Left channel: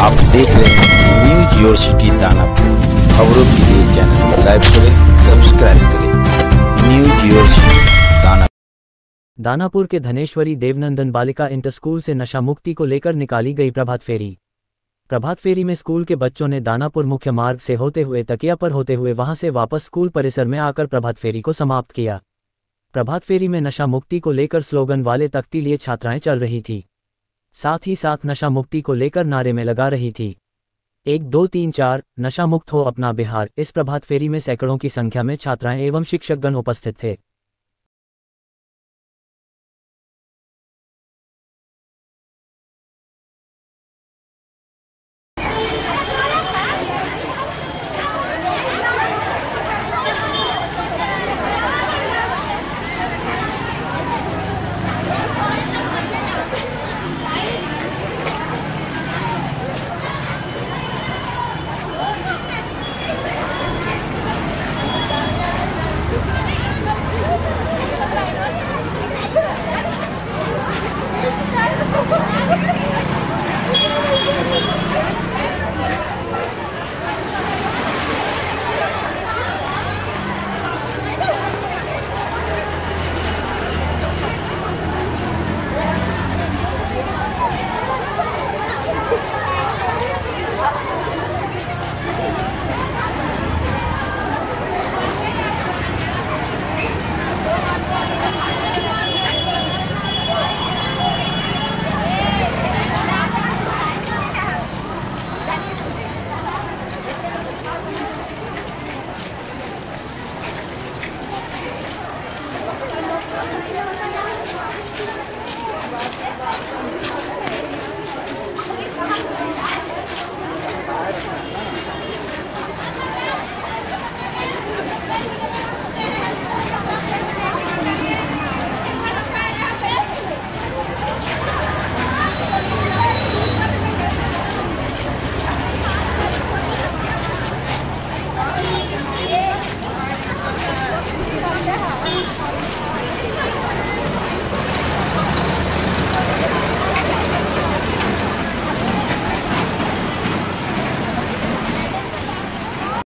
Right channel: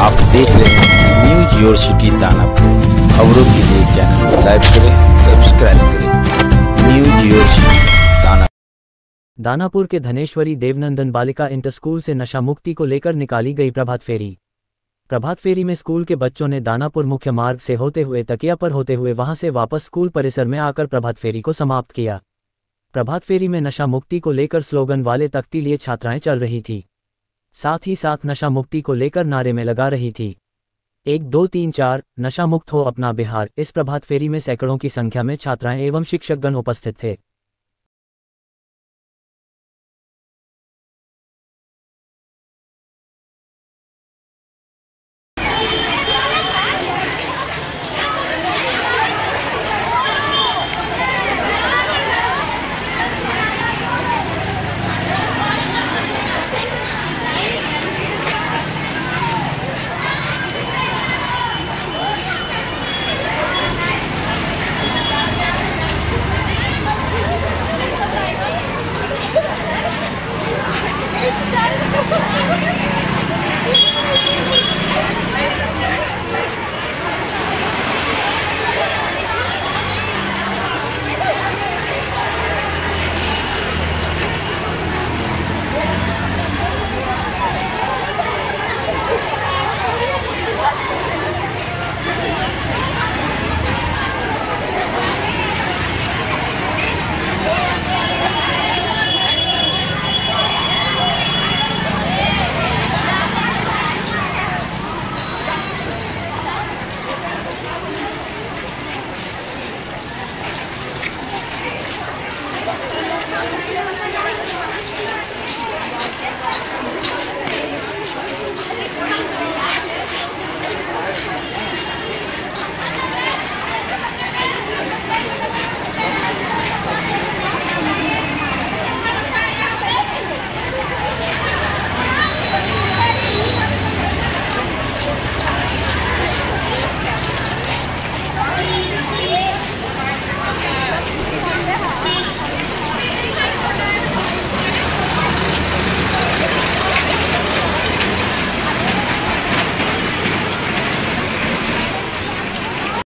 आप देख रहे हैं न्यूज योर सिटी दानापुर। खबरों के लिए चैनल को लाइक करें, सब्सक्राइब करें। News your city Danapur. Danapur के धनेश्वरी देवनंदन बालिका इंटर स्कूल से नशा मुक्ति को लेकर निकाली गई प्रभात फेरी। प्रभात फेरी में स्कूल के बच्चों ने दानापुर मुख्य मार्ग से होते हुए तकिया पर होते हुए वहां से वापस स्कूल परिसर में आकर प्रभात फेरी को समाप्त किया। प्रभात फेरी में नशा मुक्ति को लेकर स्लोगन वाले तख्ती लिए छात्राएं चल रही थी, साथ ही साथ नशा मुक्ति को लेकर नारे में लगा रही थी 1 2 3 4 नशा मुक्त हो अपना बिहार। इस प्रभात फेरी में सैकड़ों की संख्या में छात्राएं एवं शिक्षकगण उपस्थित थे।